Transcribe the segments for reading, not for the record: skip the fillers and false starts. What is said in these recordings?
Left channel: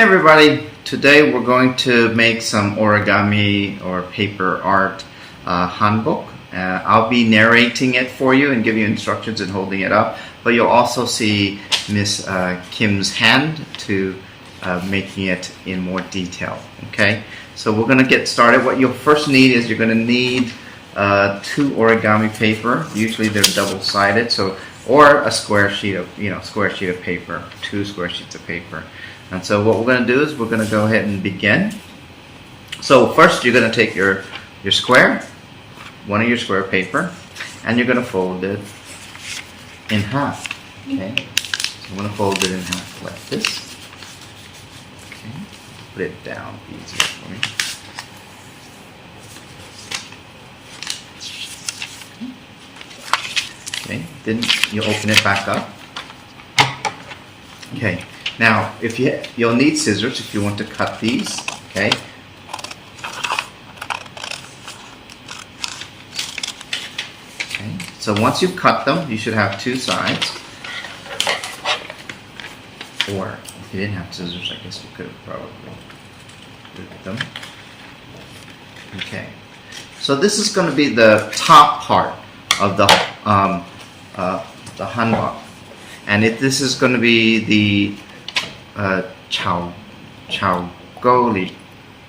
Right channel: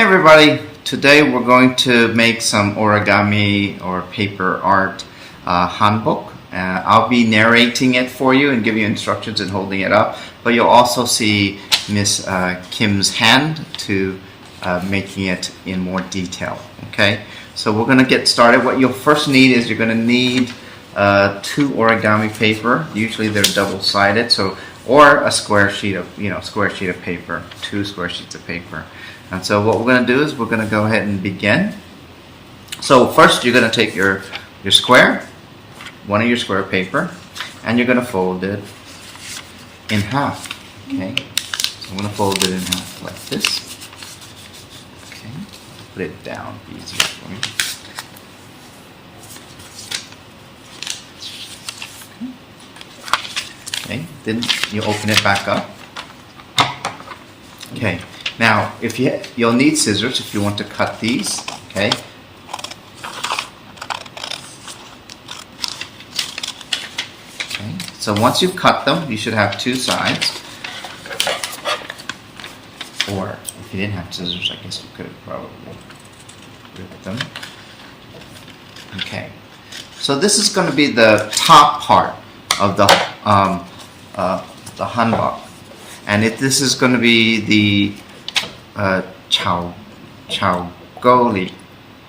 Hi everybody, today we're going to make some origami or paper art Hanbok. I'll be narrating it for you and give you instructions and holding it up, but you'll also see Miss Kim's hand to making it in more detail. Okay, so we're going to get started. What you'll first need is you're going to need 2 origami paper. Usually they're double-sided, or a square sheet of paper, 2 square sheets of paper. And so what we're going to do is we're going to go ahead and begin. So first you're going to take your square, one of your square paper, and you're going to fold it in half. Okay, so I'm going to fold it in half like this. Okay, put it down, easier for you. Okay, then you open it back up. Okay, now you'll need scissors if you want to cut these. Okay. Okay, so once you've cut them, you should have 2 sides. Or if you didn't have scissors, I guess you could probably rip them. Okay, so this is going to be the top part of the Hanbok, and this is going to be the chaogoli.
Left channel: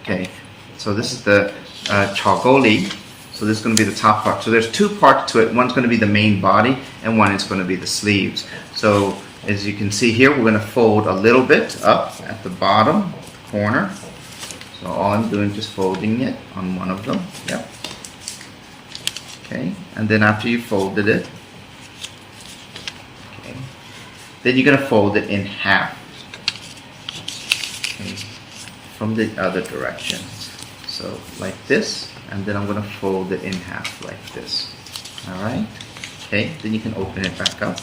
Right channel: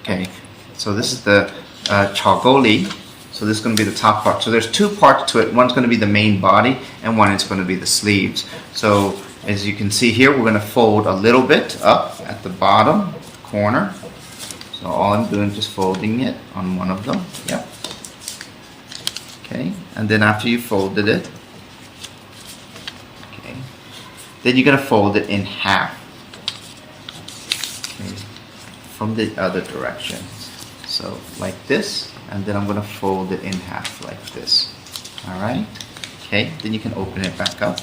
Okay, so this is the chaogoli. So this is going to be the top part. So there's 2 parts to it. One's going to be the main body, and one is going to be the sleeves. So as you can see here, we're going to fold a little bit up at the bottom corner. So all I'm doing is just folding it on one of them. Yeah. Okay, and then after you folded it, okay, then you're going to fold it in half. Okay, from the other direction. So like this, and then I'm going to fold it in half like this. Alright, okay, then you can open it back up.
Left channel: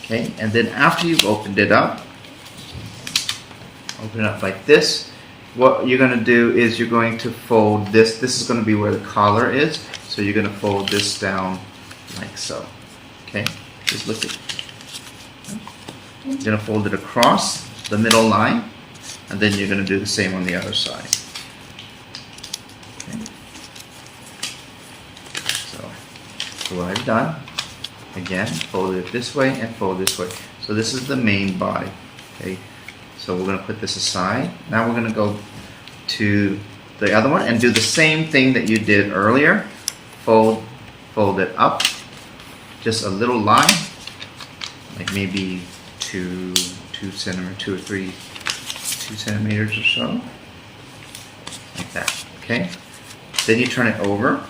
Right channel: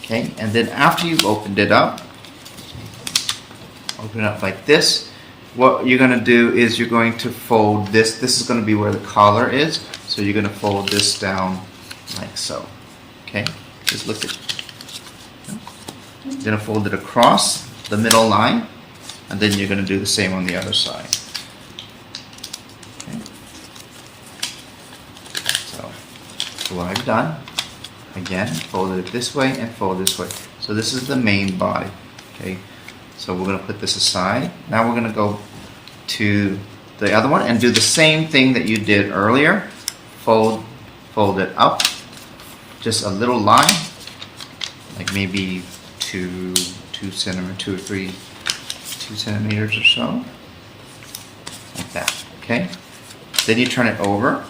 Okay, and then after you've opened it up, open it up like this. What you're going to do is you're going to fold this. This is going to be where the collar is. So you're going to fold this down like so. Okay, just look at it. You're going to fold it across the middle line, and then you're going to do the same on the other side. Okay. So what I've done, again, fold it this way and fold this way. So this is the main body. Okay. So we're going to put this aside. Now we're going to go to the other one and do the same thing that you did earlier. Fold it up, just a little line, like maybe 2 or 3 centimeters or so, like that. Okay. Then you turn it over,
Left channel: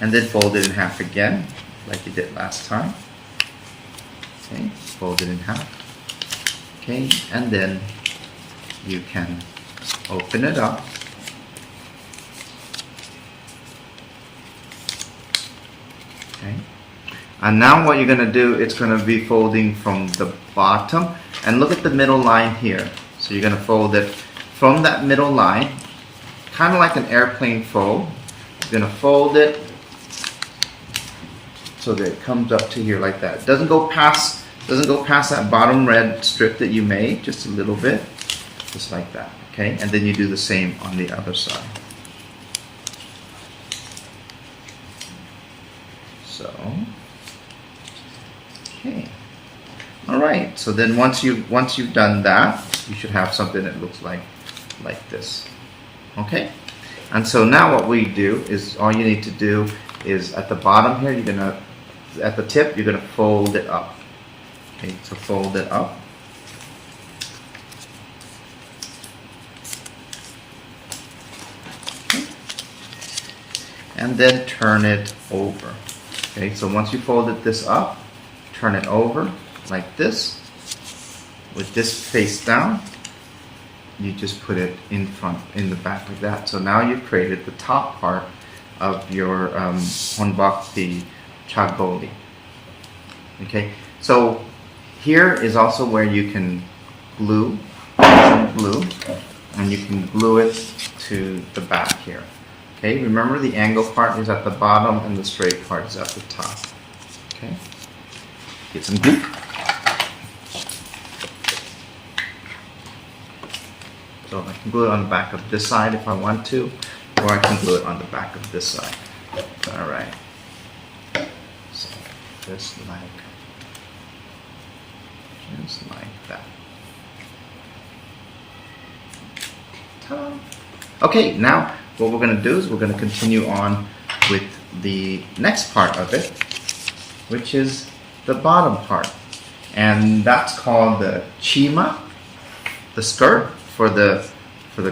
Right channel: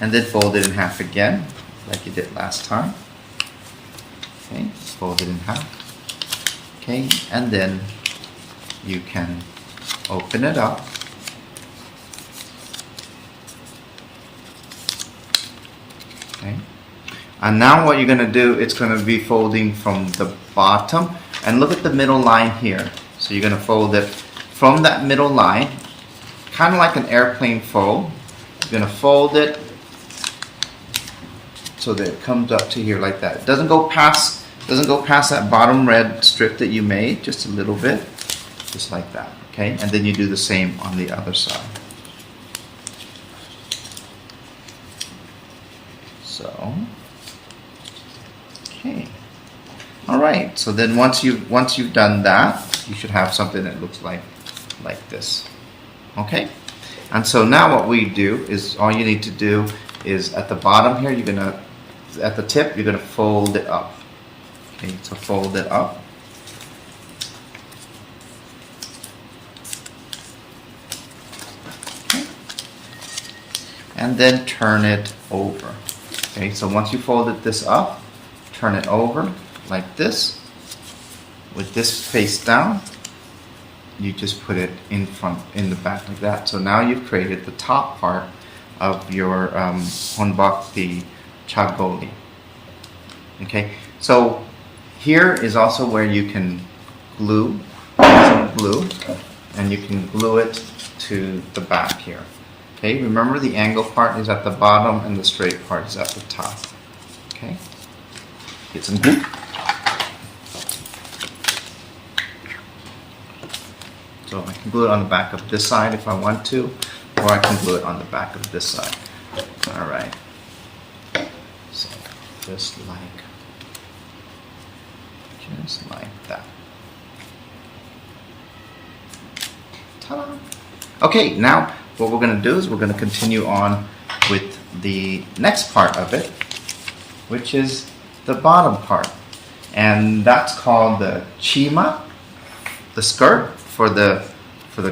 and then fold it in half again, like you did last time. Okay. Fold it in half. Okay, and then you can open it up. Okay, and now what you're going to do, it's going to be folding from the bottom, and look at the middle line here. So you're going to fold it from that middle line, kind of like an airplane fold. You're going to fold it so that it comes up to here like that. It doesn't go past that bottom red strip that you made, just a little bit, just like that. Okay, and then you do the same on the other side. So, okay, all right. So then once you've done that, you should have something that looks like this. Okay, and so now what we do is all you need to do is at the bottom here, at the tip, you're gonna fold it up. Okay, so fold it up. Okay. And then turn it over. Okay, so once you folded this up, turn it over like this. With this face down, you just put it in the back like that. So now you've created the top part of your Hanbok, the chaogoli. Okay, so here is also where you can glue some glue, and you can glue it to the back here. Okay, remember the angle part is at the bottom and the straight part is at the top. Okay, get some glue. So I can glue it on the back of this side if I want to, or I can glue it on the back of this side. Alright. So just like that. Ta-da! Okay, now what we're going to do is we're going to continue on with the next part of it, which is the bottom part. And that's called the chima, the skirt for the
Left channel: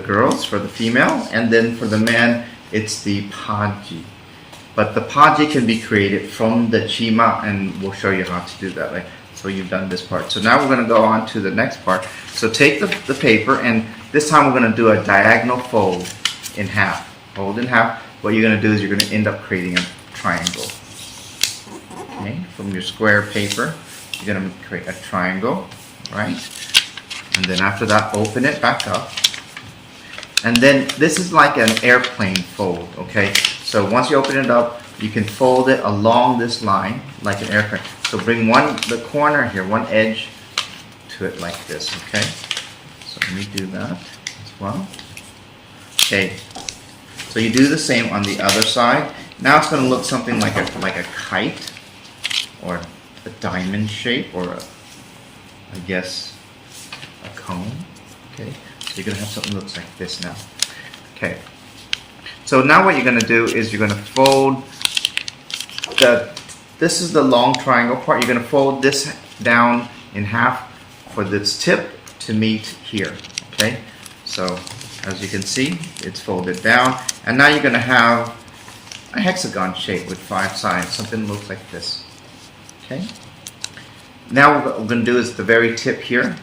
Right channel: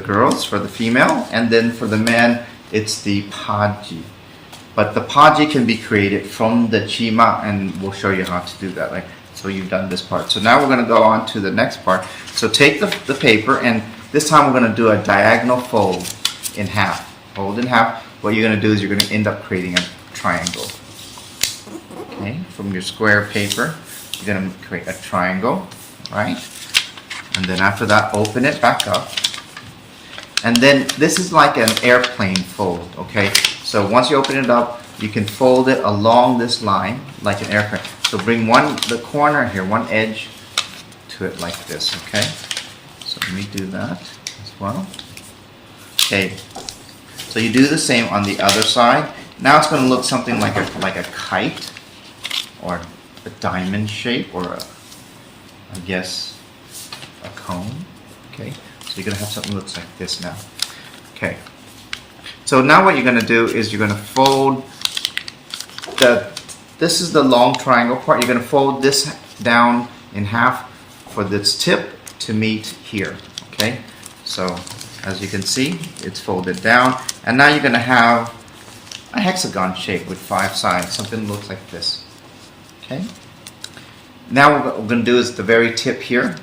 girls, for the female, and then for the man it's the paji. But the paji can be created from the chima, and we'll show you how to do that. Right? So you've done this part. So now we're going to go on to the next part. So take the paper, and this time we're going to do a diagonal fold in half. Fold in half. What you're going to do is you're going to end up creating a triangle. Okay, from your square paper, you're going to create a triangle, right? And then after that, open it back up. And then this is like an airplane fold, okay? So once you open it up, you can fold it along this line like an airplane. So bring the corner here, one edge to it like this, okay? So let me do that as well. Okay, so you do the same on the other side. Now it's going to look something like a kite, or a diamond shape, or I guess a cone. Okay, so you're going to have something that looks like this now. Okay, so now what you're going to do is you're going to fold this is the long triangle part. You're going to fold this down in half for this tip to meet here. Okay, so as you can see, it's folded down, and now you're going to have a hexagon shape with 5 sides. Something that looks like this. Okay. Now what we're going to do is the very tip here.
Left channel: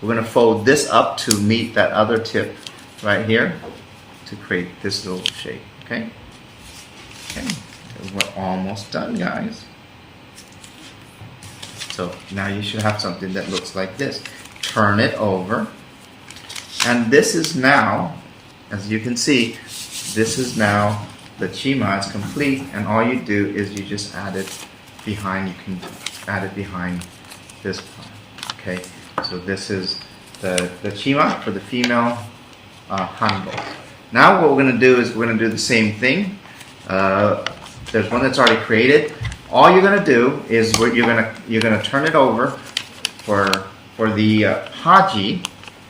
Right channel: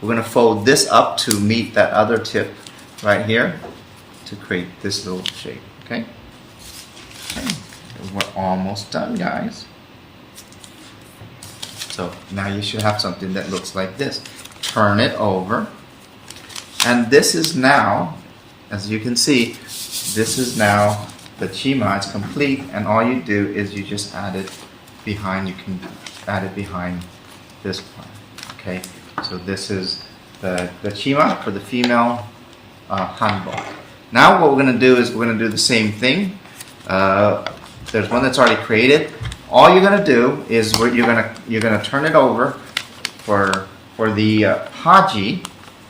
We're going to fold this up to meet that other tip right here to create this little shape. Okay. Okay. We're almost done, guys. So now you should have something that looks like this. Turn it over. And this is now, as you can see, this is now the chima. It's complete, and all you do is you just add it behind. You can add it behind this part. Okay, so this is the chima for the female hanbok. Now what we're going to do is we're going to do the same thing. There's one that's already created. All you're going to do is you're going to turn it over for the haji,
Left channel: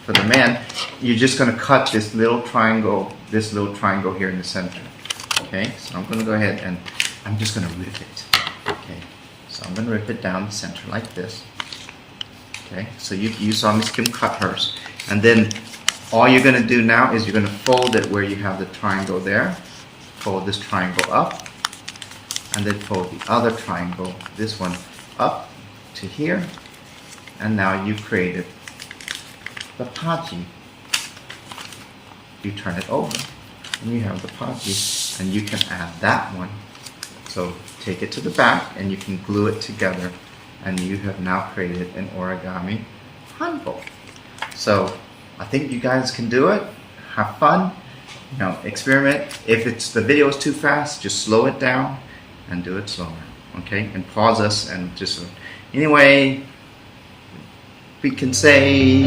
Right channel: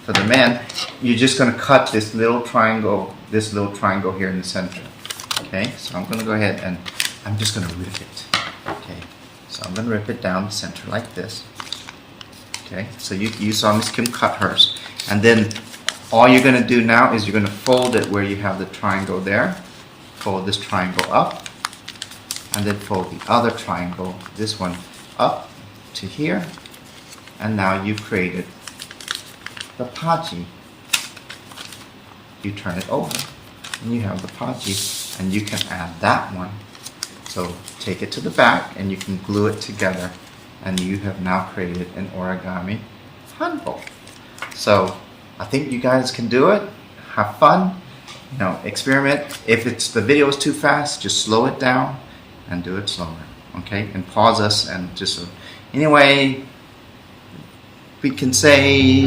for the man. You're just going to cut this little triangle here in the center. Okay, so I'm going to go ahead and I'm just going to rip it. Okay, so I'm going to rip it down the center like this. Okay, so you saw Miss Kim cut hers, and then all you're going to do now is you're going to fold it where you have the triangle there. Fold this triangle up, and then fold the other triangle, this one, up to here, and now you've created the paji. You turn it over, and you have the paji, and you can add that one. So take it to the back, and you can glue it together, and you have now created an origami hanbok. So I think you guys can do it. Have fun. You know, experiment. If the video is too fast, just slow it down and do it slower. Okay, and pause us and just anyway. We can say